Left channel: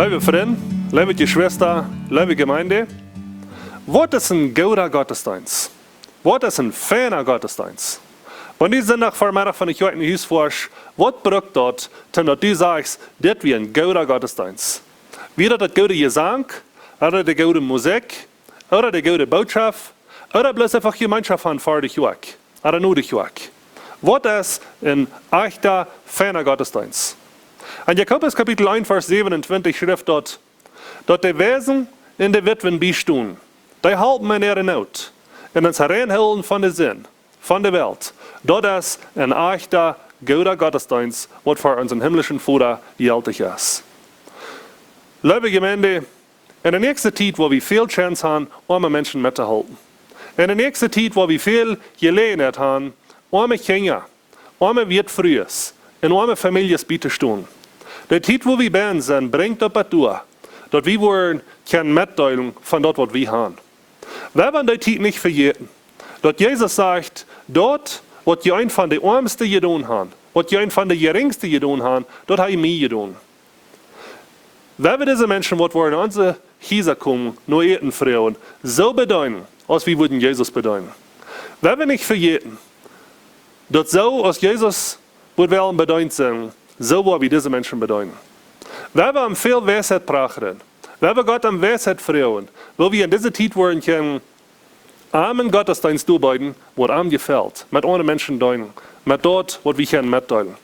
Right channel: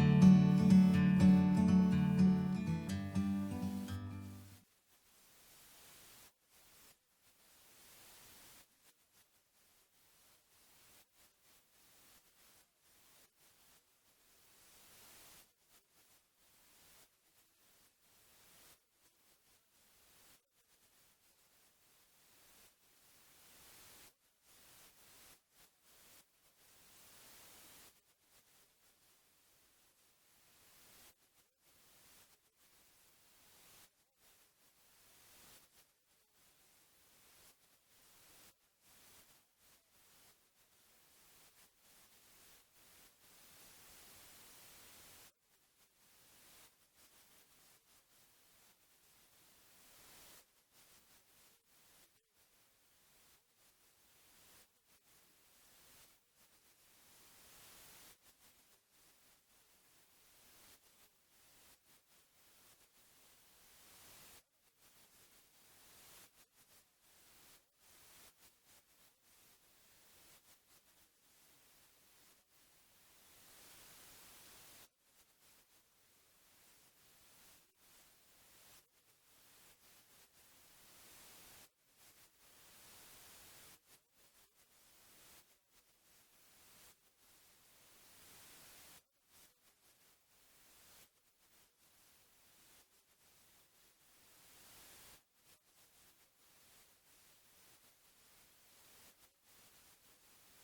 Liebe Freunde, liebe Geschwister, liebe Gemeinde, was ist ein guter Gottesdienst? Was ist ein feiner Gottesdienst? Wenn die Sonntag vormittag von ich heute in Haus forsch, was braucht dort, dass du sagst, das wie ein guter Gottesdienst? Wieder das gute Gesang, oder die gute Musik, oder die gute Botschaft, oder bloß einfach Gemeinschaft haben vor dich weg, oder nur dich weg. Was ist ein echter, feiner Gottesdienst? In Jakobus Kapitel 1, Vers 27 schrift dort, dass die Wesen in der Witwen bestehen, die halten in ihrer Not, in das Hereinholen von der Sinn, von der Welt. Das ist ein echter, guter Gottesdienst, was für unseren himmlischen Vater gültig ist. Liebe Gemeinde, in der nächsten Zeit, wo wir viel Chance haben, arme Menschen mitzuhalten. In der nächsten Zeit, wo wir viel Gelegenheit haben, arme Kinder, arme Wirtfrühes, in arme Familien beizustehen. Die Zeit, wo wir bei sind, bringt das durch, dass wir wollen keine Mitteilung von dort, was wir haben. Wir wollen die Zeit nicht vergessen, dass Jesus sagt, dort, was die einen von den Ärmsten getan haben, was die einen von den Geringsten getan haben, dort habe ich mir getan. Wenn wir diese Menschen, die in unsere Häuser kommen, nur eten Frauen, so bedeuten, als wir würden Jesus bedeuten. Wenn wir nicht vergessen, dass so, als Jesus wollen bedeuten sind, so wollen wir diese Menschen bedeuten. Wenn wir viel Weisheit brauchen, wenn wir Gott am Weisheit fragen, wo wir in dieser Zeit wollen können, armen Gottesdienst durchbeuten, was ihm gefällt, mit anderen Menschen deuten, mit dort, was wir können mitteilen.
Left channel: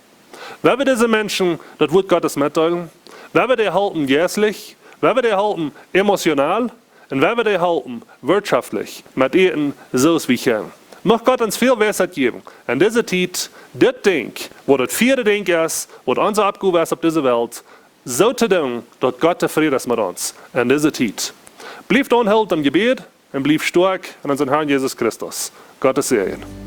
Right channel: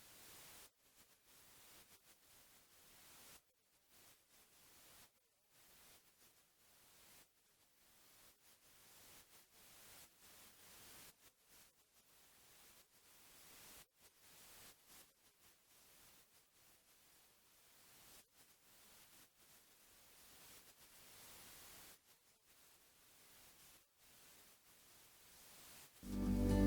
Wenn wir diese Menschen, das Wort Gottes mitteilen, wenn wir die halten geistlich, wenn wir die halten emotional, und wenn wir die halten wirtschaftlich, mit ihnen so wie wir können. Mag Gott uns viel Weisheit geben. In dieser Zeit, das Ding, wo das vierte Ding ist, wo unser Abgabe ist auf dieser Welt, so zu tun, dass Gott zufrieden ist mit uns. In dieser Zeit. Bleibt unhalt im Gebet und bleibt stark in unseren Herrn Jesus Christus. Gottes Segen.